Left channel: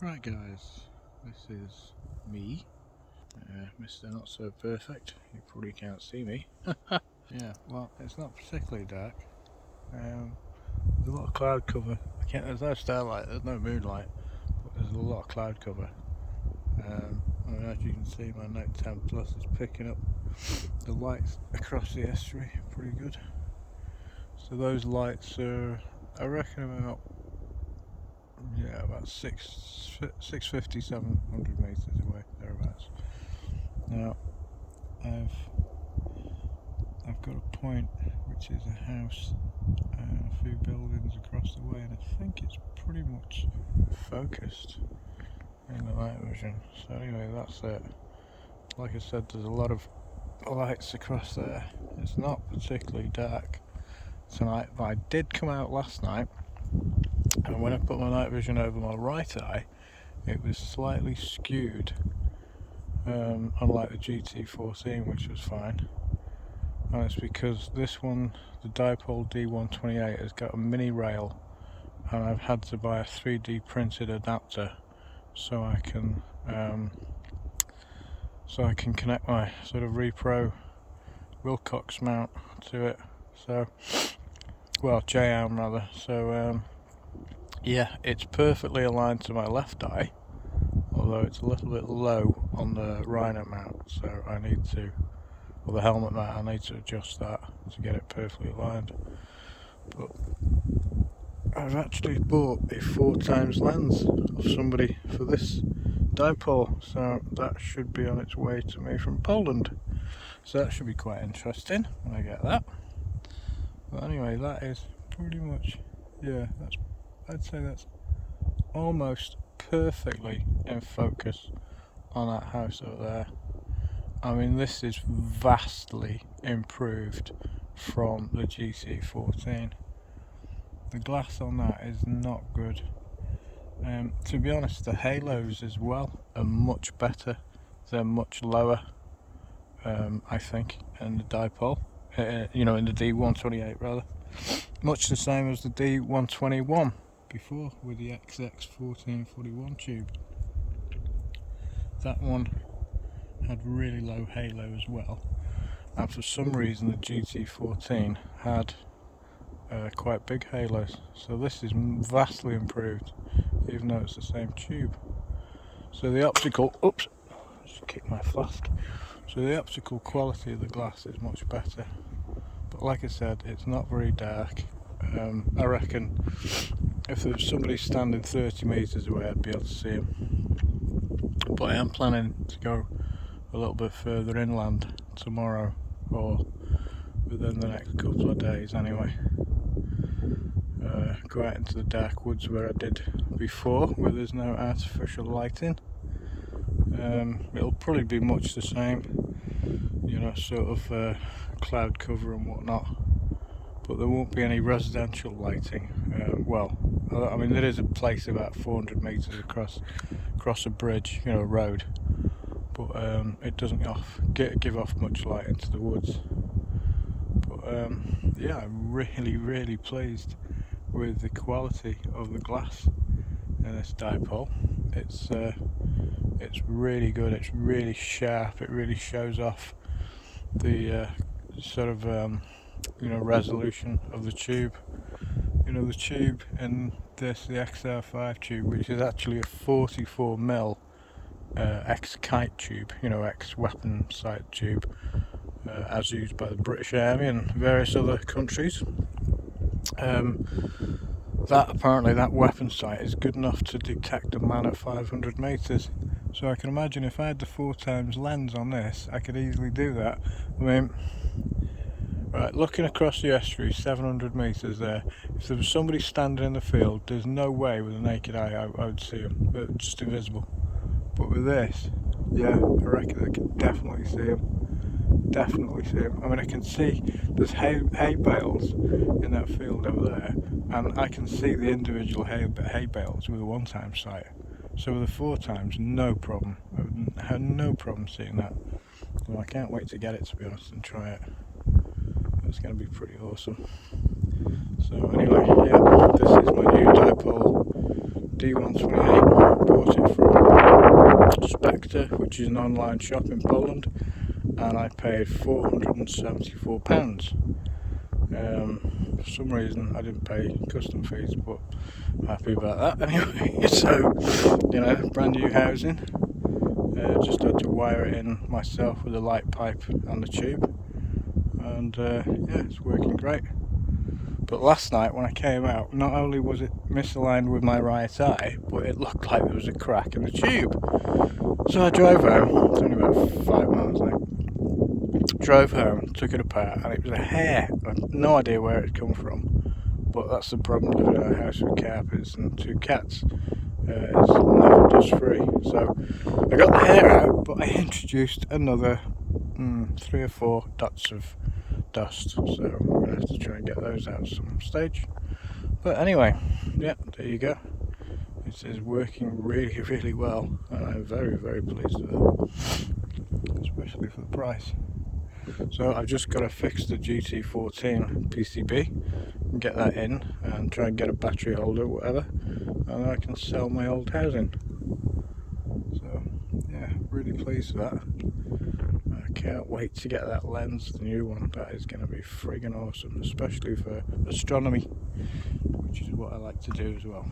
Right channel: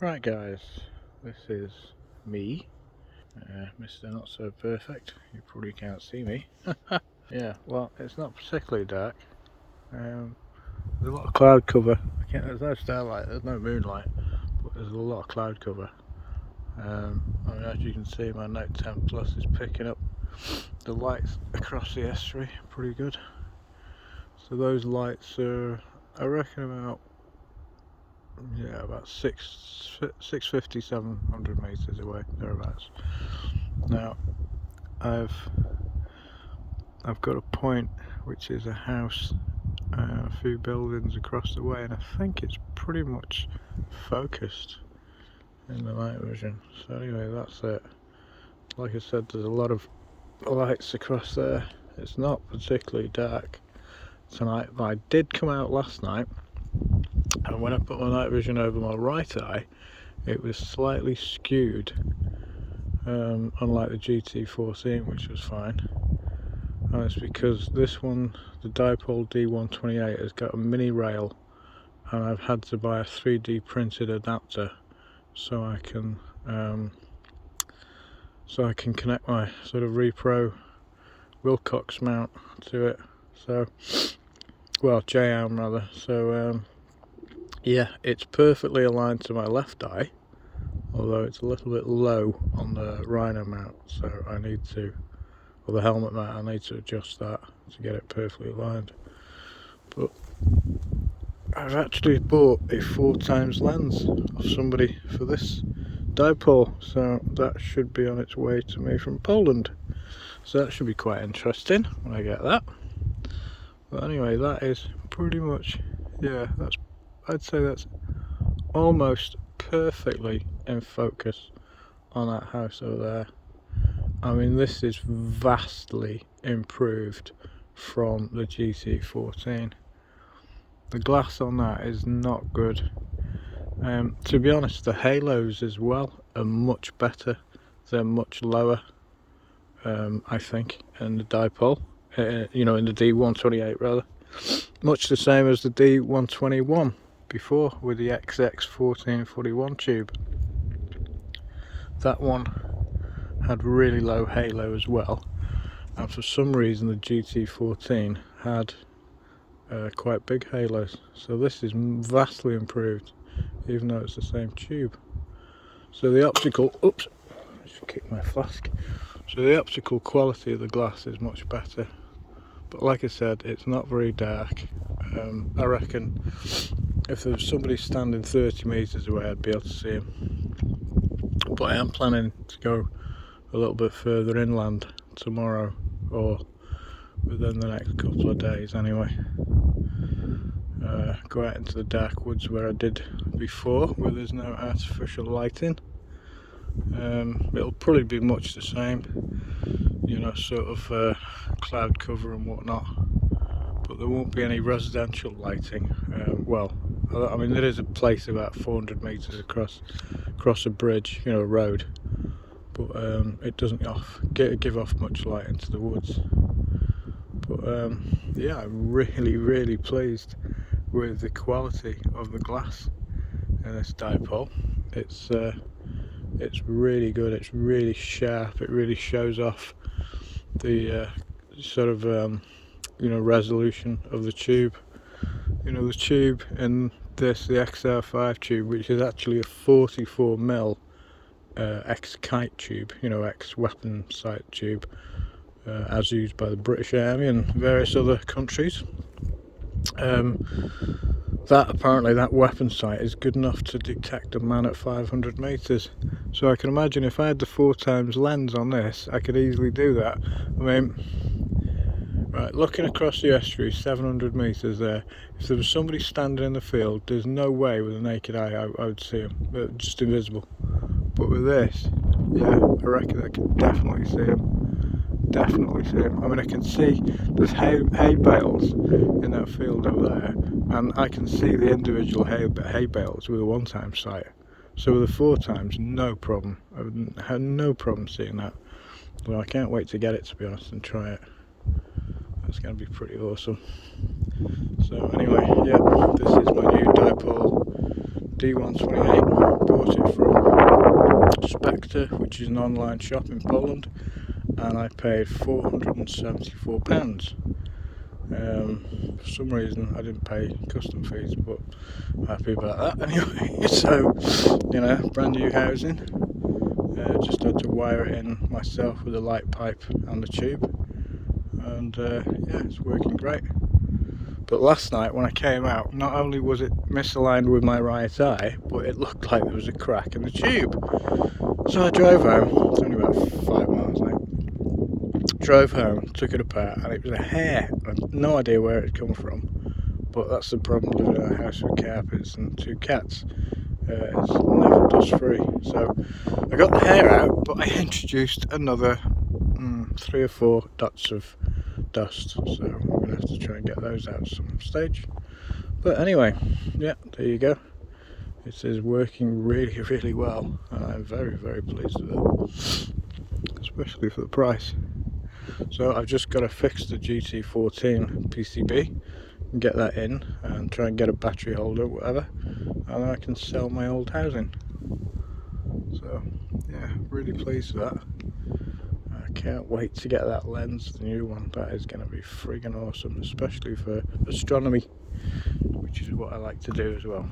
Right guys, this is me, Mr.Not.So.Perfect. You probably can't see me. Yeah, well, it's not particularly dark. There's a lot of cloud cover. There's no starlight, there's no moonlight, but there's a lot of cloud cover. I mean, as you can see, my Note 10 Plus is picking up the lights across the estuary pretty good. So those lights are, I reckon, about 650, 700 meters away, thereabouts. Now, I've got a point which is a house, a few buildings across the way, and I think it's pretty much focused in the night vision. So anyway, that's it. Like I said, there's a lot of lights across there. It's not particularly dark tonight, but I did come out last night, and when I put my night vision over my right eye, it was slightly skewed, unlike the GT-14, which was fine. And it's because this one, the Dipol D128, has got a mini rail, and I've had to buy a 3D printed adapter so I can connect my sort of repro Wilcox mount to it. So, well, J-arm rather. So yeah, it's perfectly aligned to my left eye, although it's a little bit low on the rhino mount, so I need to, or the helmet mount, I need to adjust that to get it perfectly aligned. But I've actually bought a 4x lens of somebody for this dipole, so that should be on its way to me from Poland. So that should be quite interesting when I get that. But anyway, that is pretty much, yeah, I'd say that's almost perfectly in focus on that house over there. I mean, this is vastly improved from the GT-14. The glass on that is not good. To be honest, the halos as well are much better. They're much lower, I think, in the dipole. In the D128 rather. Much the same as the D121 before with the XX1441 tube. That one had really low halo as well, and for some reason the GT-14 had quite big halos. So this is vastly improved, even though it's the same tube. So the optical, oops, I just kicked my flask. So the optical quality of the glass is much better, but like I said, it's not very dark. I reckon if there was somebody standing 30 meters away, I'd be able to see him. But I am planning to go a little bit further inland tomorrow, or within the next couple of days anyway. Go out into the dark woods where I did before, where there's no artificial lighting. It'll probably be much the same, sort of cloud cover and whatnot, but there won't be any residential lighting. Well, I mean, there is a place about 400 meters across a bridge, a road, but it doesn't give off much light into the woods. But yeah, I'm really pleased with the quality of the glass in this dipole. It's really good. It's really sharp. It really shows off the sort of resolution of the tube. The tube in this, the XR5 tube, which is actually a 44mm X-kite tube, X-weapon sight tube, as used by the British Army and various other countries. That weapon sight is good enough to detect a man at 500 meters. So I can imagine if I had the 4x lens on this, I could easily do that. I mean, right, looking across the estuary, 700 meters there, if there was somebody standing in the field, there's no way with a naked eye I would see him. They're just invisible. But with this, yeah, I reckon I can definitely see him. Definitely see him. I mean, I can see there's hay bales in that field over there, and I can see the individual hay bales with a 1x sight. So with a 4x, no problem. I had no problem seeing that. Well, I can't wait to get it, to be honest, and try it. That's going to be pretty awesome. So anyway, yeah, this is my new Dipol D128. bought it from Spectre, which is an online shop in Poland, and I paid £474. For some reason I didn't pay custom fees, but I'm happy about that anyway. So, you know, brand new housing. Just had to wire it in myself with a light pipe and the tube, and yeah, it's working great. But last night when I came out, not only was it misaligned with my right eye, but it looked like there was a crack in the tube. So I drove home. It's only about 5 miles, I think. Drove home, took it apart, and it was a hair. I had no idea where it had come from, but that's the problem living in a house with carpets and 2 cats. It's never dust free. So I got the hair out, but I introduced another 3 or 4 dots of dust, so I'm going to have to try and get those out at some stage. But anyway, yeah, there you go. It is working really, really well, and I'm very, very pleased with it, especially for the price. So I've just got to fix the GT-14 PCB and get that in and try and get a battery holder, whatever, and then I can sell my old housing. So yeah, really pleased with that. I can't wait to get that lens, the new one. That is going to be friggin' awesome, especially for astronomy, which is what I like to do as well.